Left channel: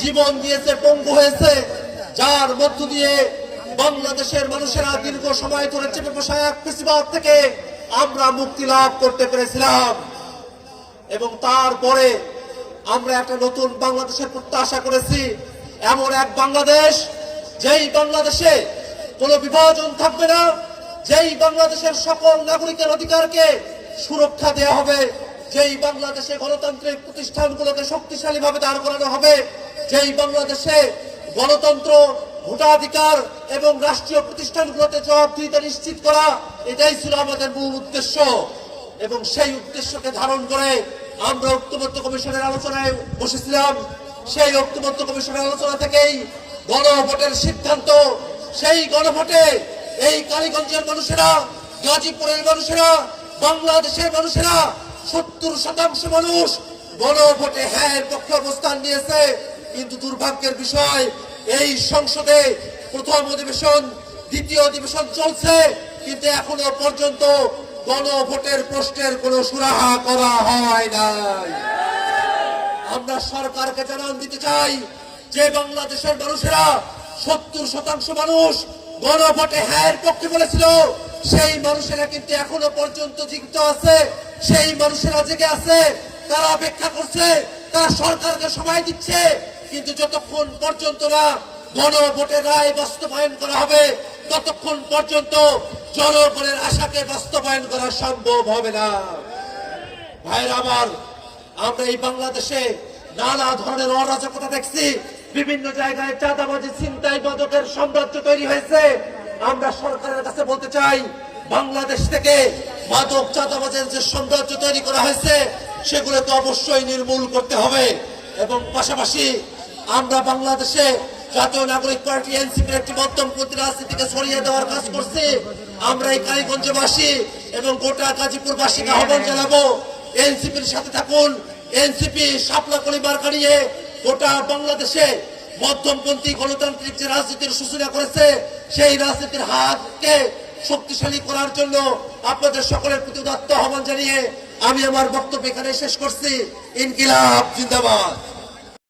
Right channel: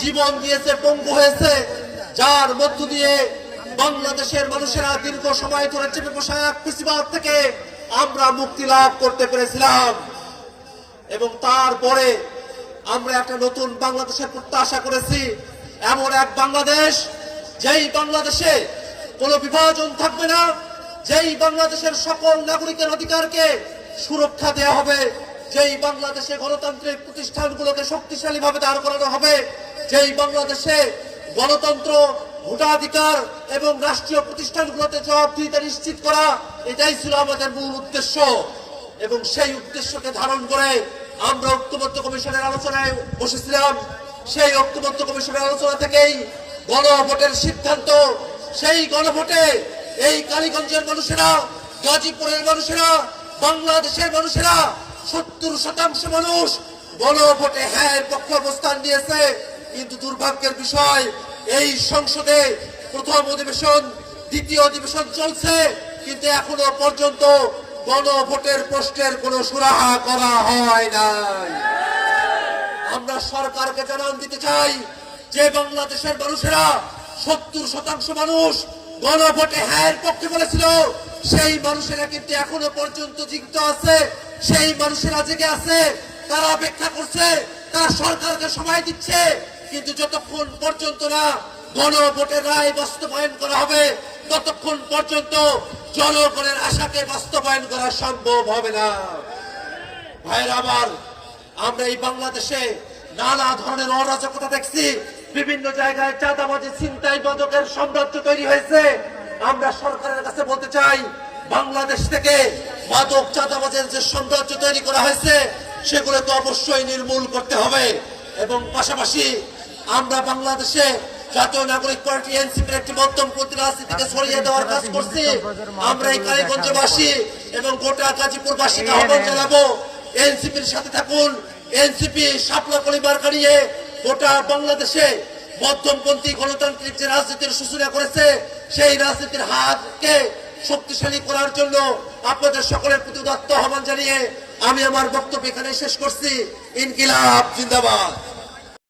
জীবন দিয়েছে, পঙ্গু হয়েছে, যার মধ্য দিয়ে বাংলাদেশের মানুষেরা দীর্ঘ সময় ধরে চেপে বসা এক ফ্যাসিবাদ থেকে আমরা মুক্তি লাভ করতে পেরেছিলাম। এবং তারপরে আমরা একটা নতুন বাংলাদেশের প্রত্যাশা করেছি, এমন এক বাংলাদেশ যেই বাংলাদেশে কোনো বিভাজন থাকবে না, যেই বাংলাদেশের সকল নাগরিকের অধিকারকে সুরক্ষা দেওয়া হবে, যেই বাংলাদেশে গণতান্ত্রিক প্রতিষ্ঠানগুলোকে শক্তিশালী ভাবে দাঁড় করানো হবে, যেই বাংলাদেশে গণতন্ত্র, ভোটাধিকার এবং রাষ্ট্রীয় প্রতিষ্ঠানগুলোতে জবাবদিহিতা নিশ্চিত করা, এটাই ছিল আমাদের মূল উদ্দেশ্য। এবং সেই উদ্দেশ্যকে ধারণ করে আমরা ঐক্যবদ্ধ কমিশনের আলোচনায় বসেছিলাম। সেই ঐক্যবদ্ধ কমিশনের আলোচনা থেকেই গণভোটের সিদ্ধান্ত। সেই গণভোটে এই কালীগঞ্জের মানুষেরা, গাজীপুরের মানুষেরা, বাংলাদেশের মানুষেরা 70% মানুষ গণভোটে হ্যাঁ পক্ষে অবস্থান নিয়েছে। কিন্তু দুর্ভাগ্যের বিষয়, এই সংসদে প্রথম অধিবেশন, দ্বিতীয় অধিবেশন চলছে, কিন্তু এখনো পর্যন্ত গণভোটের প্রশ্নের কোনো সুরাহা করা হয় নাই। আমরা সরকারকে জানান দিতে চাই যে বাংলাদেশের মানুষেরা 70% মানুষ গণভোটে হ্যাঁ পক্ষে বলেছিল, সেই মানুষেরা কিন্তু এখনো পর্যন্ত জীবিত আছে, সেই মানুষেরা জেগে আছে, তারা অপেক্ষা করছে, তারা সরকারকে সময় দিচ্ছে। কিন্তু যতক্ষণ পর্যন্ত না গণভোটের রায় বাস্তবায়ন করা হবে, ততক্ষণ পর্যন্ত জনগণের আশাকে বাস্তবায়ন করা সম্ভব হবে না। ভাইরা আমার, আমরা এই বাংলাদেশে নানা ধরনের অরাজকতা দেখছি, বিভিন্ন জায়গায় চাঁদাবাজি, ছিনতাই, মাদকের সাম্রাজ্য তৈরি হয়েছে। আমরা সরকারের কাছে বলতে চাই, বাংলাদেশ থেকে মাদক, চাঁদাবাজের যে সাম্রাজ্য তৈরি করা হয়েছে, সেগুলোকে অবশ্যই নির্মূল করতে হবে। এবং পাশাপাশি আমরা বাংলাদেশে জাতীয় নাগরিক পার্টি এনসিপির একটি মধ্যমপন্থী রাজনীতিকে ছড়িয়ে দেওয়ার কাজ করছি। আমরা এই কালীগঞ্জবাসী এবং গোটা গাজীপুরবাসীকে আহ্বান জানাবো, এনসিপির সাথে থাকুন। এনসিপি শাপলা পরিবার নিয়ে গোটা বাংলাদেশে মধ্যমপন্থী গণতান্ত্রিক যে রাজনীতির সূচনা করেছে, সেই রাজনীতির হাতকে শক্তিশালী করার জন্য আপনাদের সকলের প্রতি উদাত্ত আহ্বান জানিয়ে আমি আমার বক্তব্য এখানে শেষ করছি। ইনকিলাব জিন্দাবাদ।